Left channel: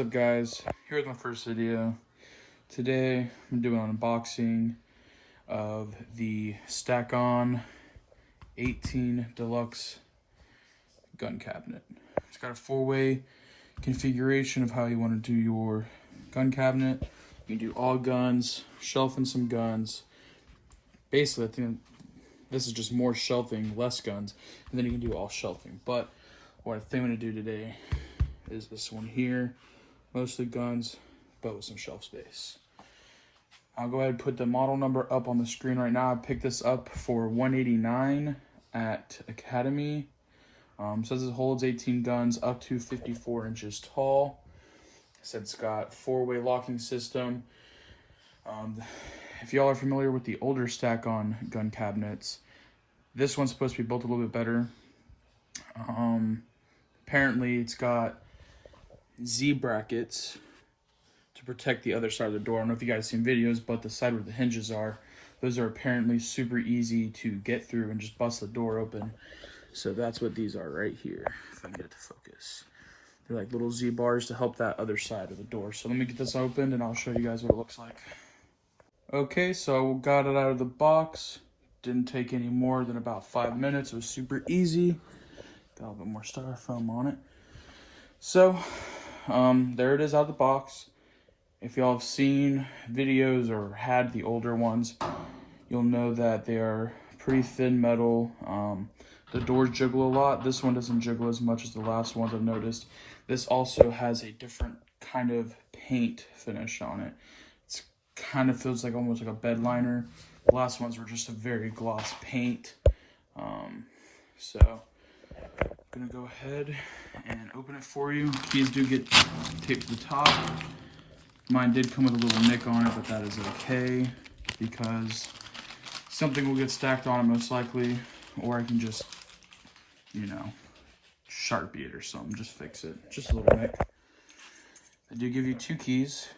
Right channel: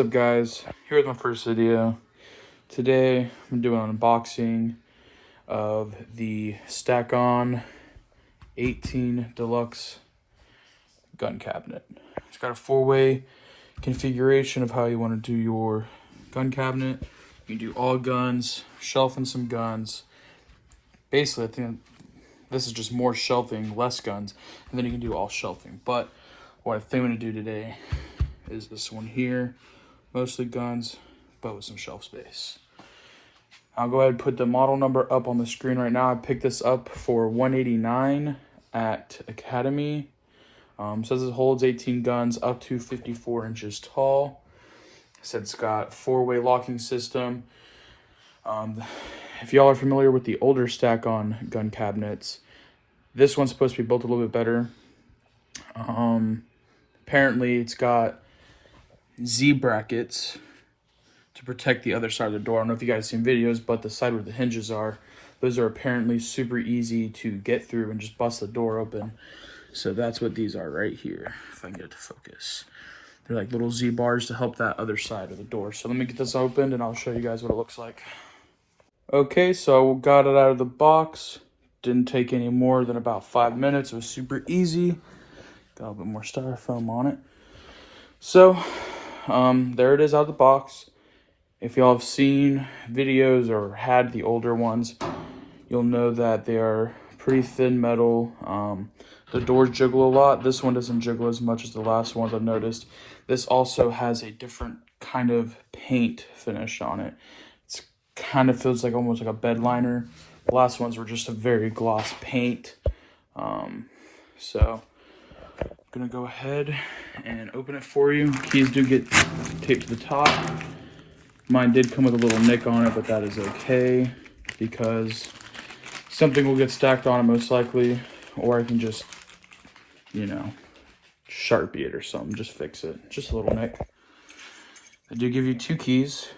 What's up, guys? Here's my first video. Today I'm doing an unboxing of the Stack-On 18 Deluxe gun cabinet. It's got a 4-way configuration of how you want to do your gun cabinet. You can do all guns, shelving some guns. Basically, I think this is just more shelving, less guns, and then you can do all shelving. But what I think I'm going to do today is this one here. Mostly guns, but with some shelf space. I'll go ahead and put the model number up on the screen right now. I picked this up for $189 at Academy. Says it holds 18 guns up to 54 inches tall. It said it's got 4-way locking system. If y'all are familiar with the older Stack-On gun cabinets, this one's supposed to be built a little bit better. Apparently it's got Z brackets to protect the other side of the door. I don't know if you guys seen videos, but the side where the hinges are, those are apparently super easy to get through and just bust the door open. So that's what these are right here, if I can get it to focus. They're like little Z bars to help that other side of the door. So let me get this opened and I'll show you guys what it looks like. Okay, so I got it out of the box. Didn't take any more than about 5 minutes. It was super easy. Got a little bit more styrofoam on it. So there it is out of the box. If y'all have seen videos or had the older ones, you'll know that they are pretty thin metal. The doors jiggle a lot. This one doesn't jiggle as much as the last ones I've noticed. This also has a different kind of paint finish on it. It's kind of feels like almost like a bed liner. The last ones were just a very gloss paint. So I'm gonna go ahead and open it for you. Keys do get taped to the top. Mine did come with a little nick on it, but that is okay because something will get stacked on it most likely, or I can just, you know, Sharpie it or something, just fix it. Just a little nick. They do give you 2 keys.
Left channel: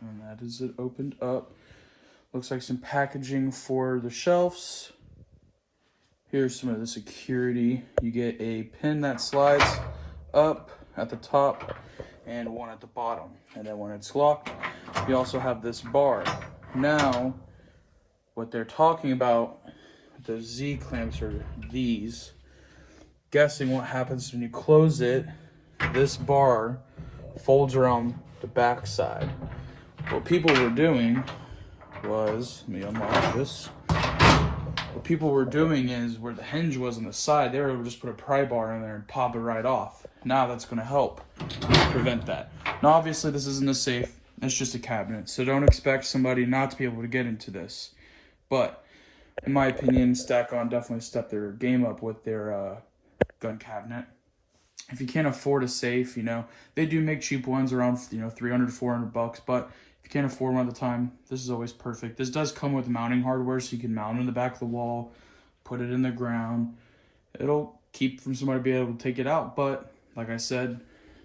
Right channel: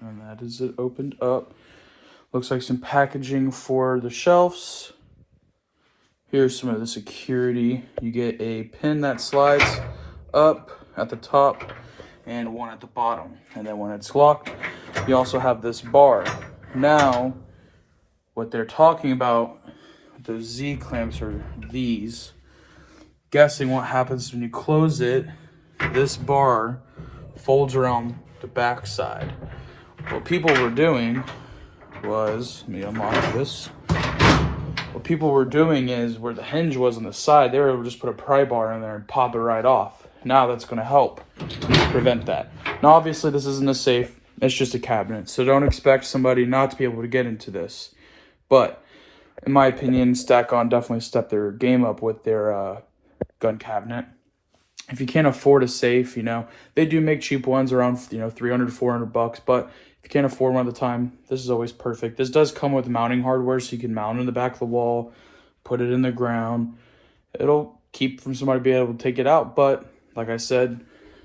And that is it opened up. Looks like some packaging for the shelves. Here's some of the security. You get a pin that slides up at the top and one at the bottom. And then when it's locked, you also have this bar. Now, what they're talking about, the Z clamps are these. Guessing what happens when you close it, this bar folds around the back side. What people were doing was, let me unlock this. What people were doing is where the hinge was on the side, they were able to just put a pry bar in there and pop it right off. Now that's going to help prevent that. Now obviously this isn't a safe, it's just a cabinet. So don't expect somebody not to be able to get into this. But in my opinion, Stack-On definitely stepped their game up with their gun cabinet. If you can't afford a safe, you know, they do make cheap ones around, you know, $300 to $400, but if you can't afford one at the time, this is always perfect. This does come with mounting hardware, so you can mount it in the back of the wall, put it in the ground. It'll keep from somebody being able to take it out, but like I said,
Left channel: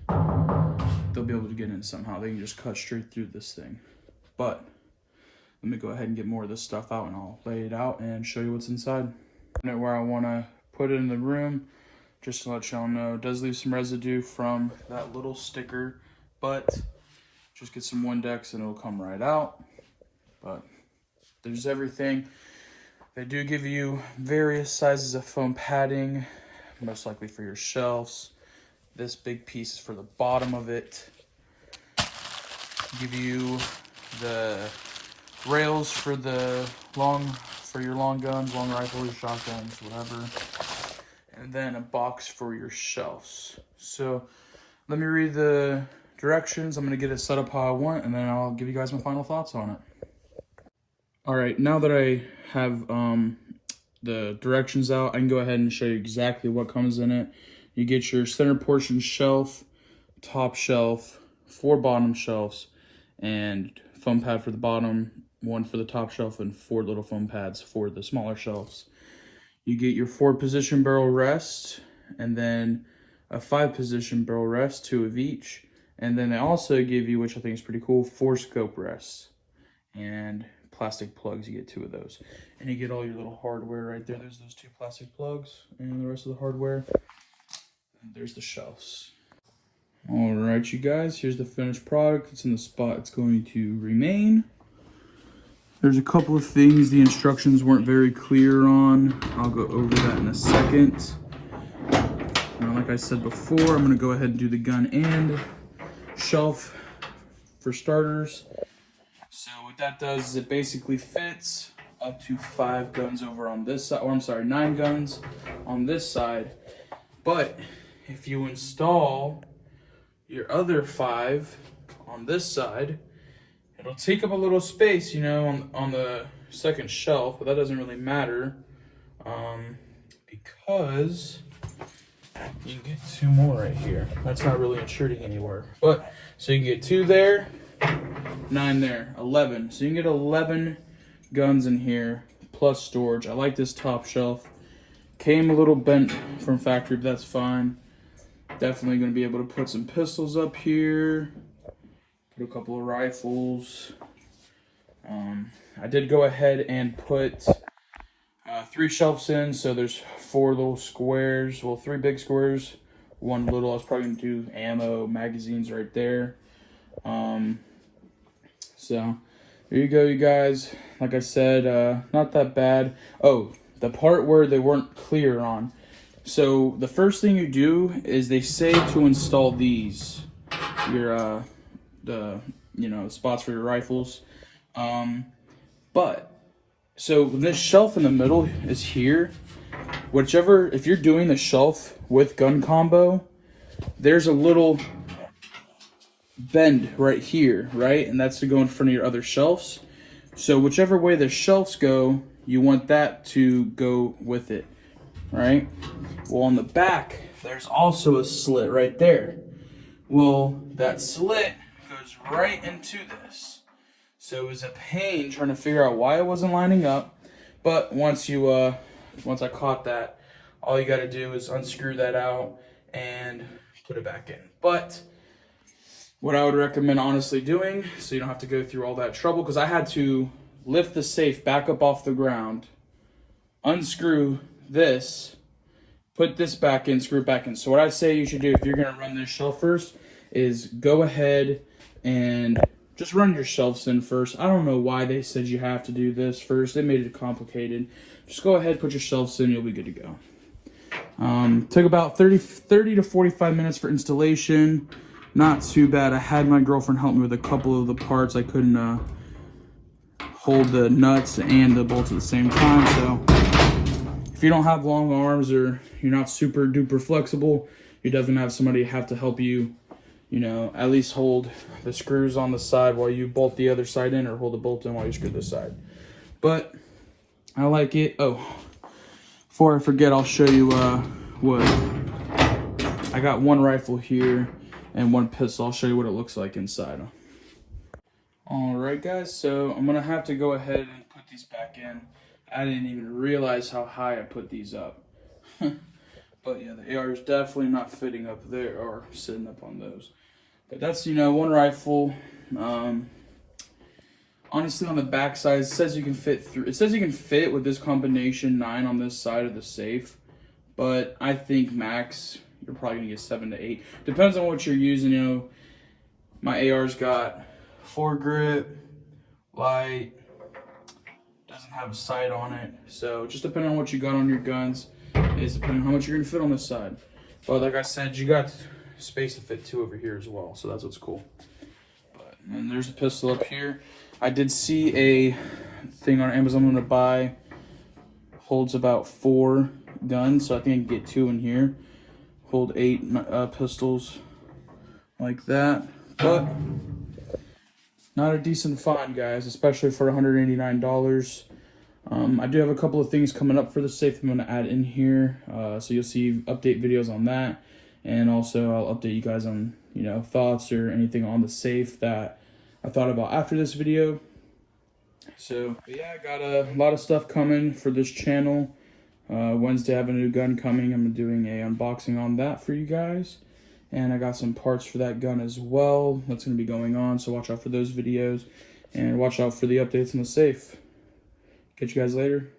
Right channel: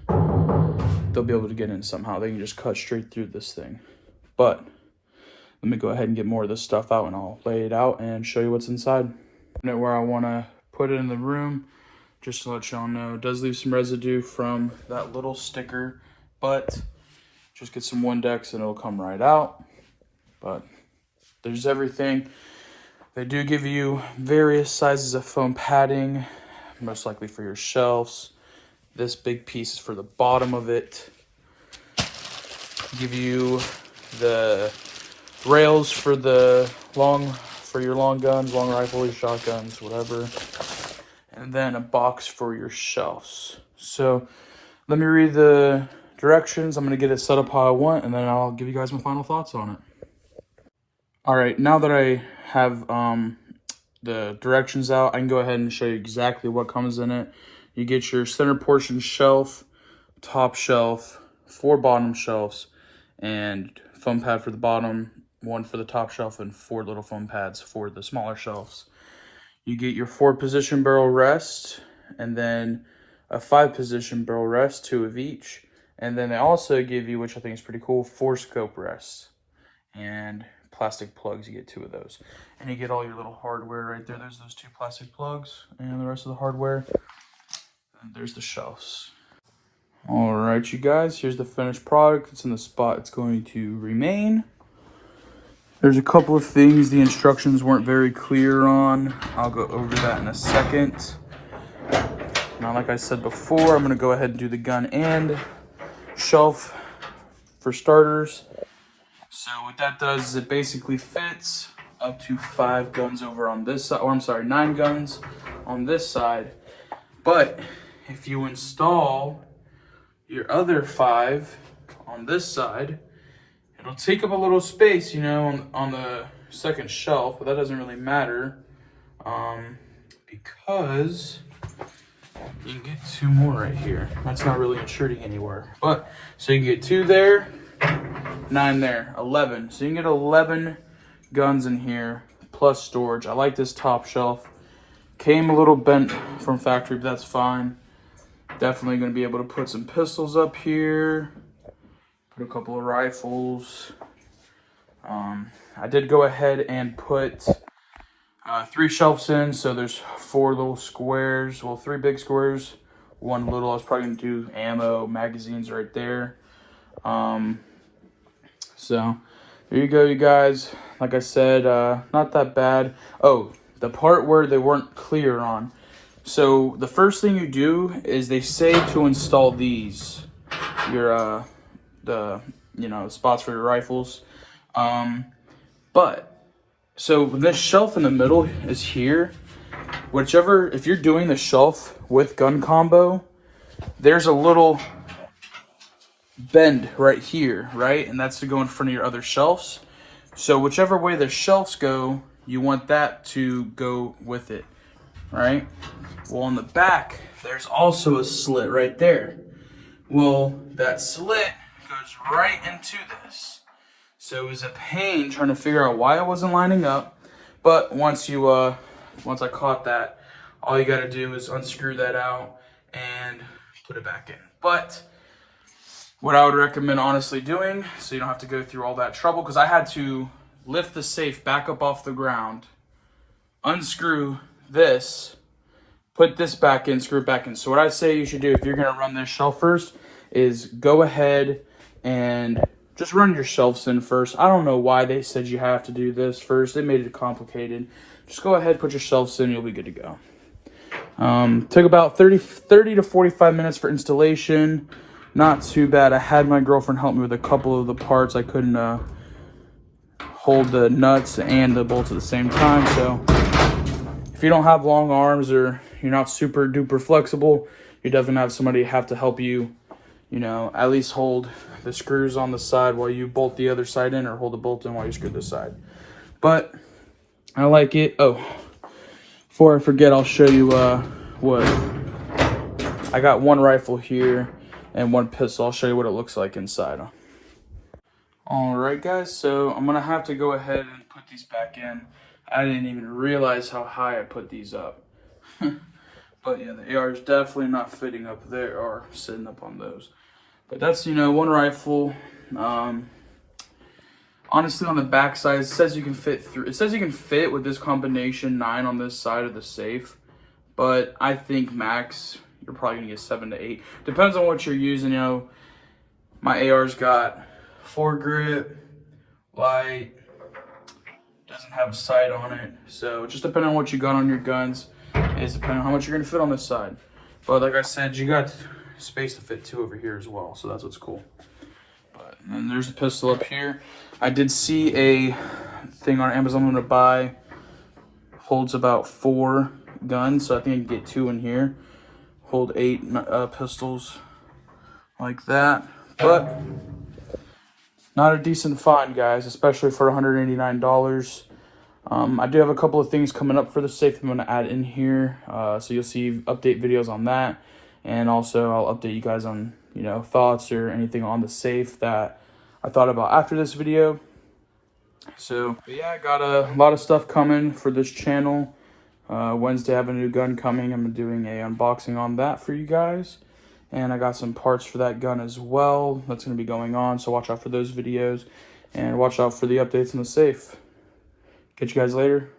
they'll be able to get in somehow. They can just cut straight through this thing. But let me go ahead and get more of this stuff out and I'll lay it out and show you what's inside. Where I want to put it in the room, just to let y'all know, it does leave some residue from that little sticker, but just get some Windex and it'll come right out. But there's everything. They do give you various sizes of foam padding, most likely for your shelves. This big piece is for the bottom of it. Give you the rails for your long guns, long rifle, your shotguns, whatever. And then a box for your shelves. So let me read the directions. I'm going to get it set up how I want, and then I'll give you guys my final thoughts on it. All right, now that I have the directions out, I can go ahead and show you exactly what comes in it. You get your center portion shelf, top shelf, 4 bottom shelves, and foam pad for the bottom, 1 for the top shelf, and 4 little foam pads for the smaller shelves. You get your 4-position barrel rest, and then a 5-position barrel rest, 2 of each. And then they also give you, which I think is pretty cool, 4 scope rests. And plastic plugs. You get 2 of those. And you get all your little hardware right there. There's those 2 plastic plugs and the rest of the hardware. And there's the shelves. All right, you guys, here's the finished product. It's in the spot it's going to remain. There's a couple of things the instructions weren't very clear on. I'll go over that in a second. Now, like I said before, I'm gonna go ahead and do the gun and shelf for starters. So what that does is it basically fits up to 5 guns over on this side, or I'm sorry, 9 guns on this side. But if you install your other 5 on this side, it'll take up a little space, you know, on the second shelf, but that doesn't really matter because you can get 2 more right here. That's not really intruding anywhere. But, so you can get 2 there, 9 there, 11. So you can get 11 guns in here, plus storage. I like this top shelf. Came a little bent from factory, but that's fine. Definitely gonna be able to put some pistols up here. Put a couple of rifles. I did go ahead and put 3 shelves in, so there's 4 little squares, well, 3 big squares, 1 little. I was probably gonna do ammo, magazines right there. So there you go, you guys. Like I said, not that bad. Oh, the part where they weren't clear on. So the first thing you do is they say to install these, your the spots for your rifles. But so this shelf in the middle is here. Whichever, if you're doing the shelf with gun combo, there's a little bend right here, right? And that's to go in front of your other shelves. So whichever way the shelves go, you want that to go with it, right? Well, on the back, there's also a slit right there. Well, that slit goes right into this. So it was a pain trying to figure out why it wasn't lining up. But once I caught that, all you gotta do is unscrew that out and put it back in. But what I would recommend honestly doing, so you don't have to go through all that trouble, because I had to lift the safe back up off the ground, unscrew this, put this back in, screw it back in. So what I say you should do if you're gonna run this shelf first is go ahead and just run your shelves in first. I don't know why they said you have to do this first. They made it complicated. Just go ahead, put your shelves in, you'll be good to go. Took about 30 to 45 minutes for installation. Not too bad. I had my girlfriend help me with a couple of the parts. I couldn't hold the nuts and the bolts at the same time. So if you don't have long arms or you're not super duper flexible, you're definitely gonna have somebody have to help you, at least hold the screws on the side while you bolt the other side in, or hold the bolt in while you screw this side. But I like it. Oh, before I forget, I'll show you what I got. 1 rifle here and 1 pistol. I'll show you what it looks like inside. All right, guys, so I'm gonna have to go ahead and put these back in. I didn't even realize how high I put these up. But yeah, the AR is definitely not fitting up there or sitting up on those. But that's, 1 rifle. Honestly, on the back side, it says you can fit through. It says you can fit with this combination 9 on this side of the safe. But I think max, you're probably gonna get 7 to 8. Depends on what you're using. My AR's got foregrip, light, doesn't have a sight on it. So just depending on what you got on your guns, is depending on how much you're gonna fit on this side. But like I said, you got space to fit 2 over here as well. So that's what's cool. And then there's a pistol up here. I did see a thing on Amazon I'm gonna buy. Holds about 4 guns, so I think I can get 2 in here. Hold 8 pistols like that. But not a decent find, guys, especially for $189. I do have a couple of things coming up for the safe I'm gonna add in here. So you'll see update videos on that. And also I'll update you guys on, thoughts or anything on the safe that I thought about after this video. So yeah, I got a lot of stuff coming for this channel. Wednesday I have a new gun coming. I'm doing a unboxing on that for you guys. And I got some parts for that gun as well. That's gonna be going on, so watch out for those videos. and watch out for the updates in the safe. Catch you guys later.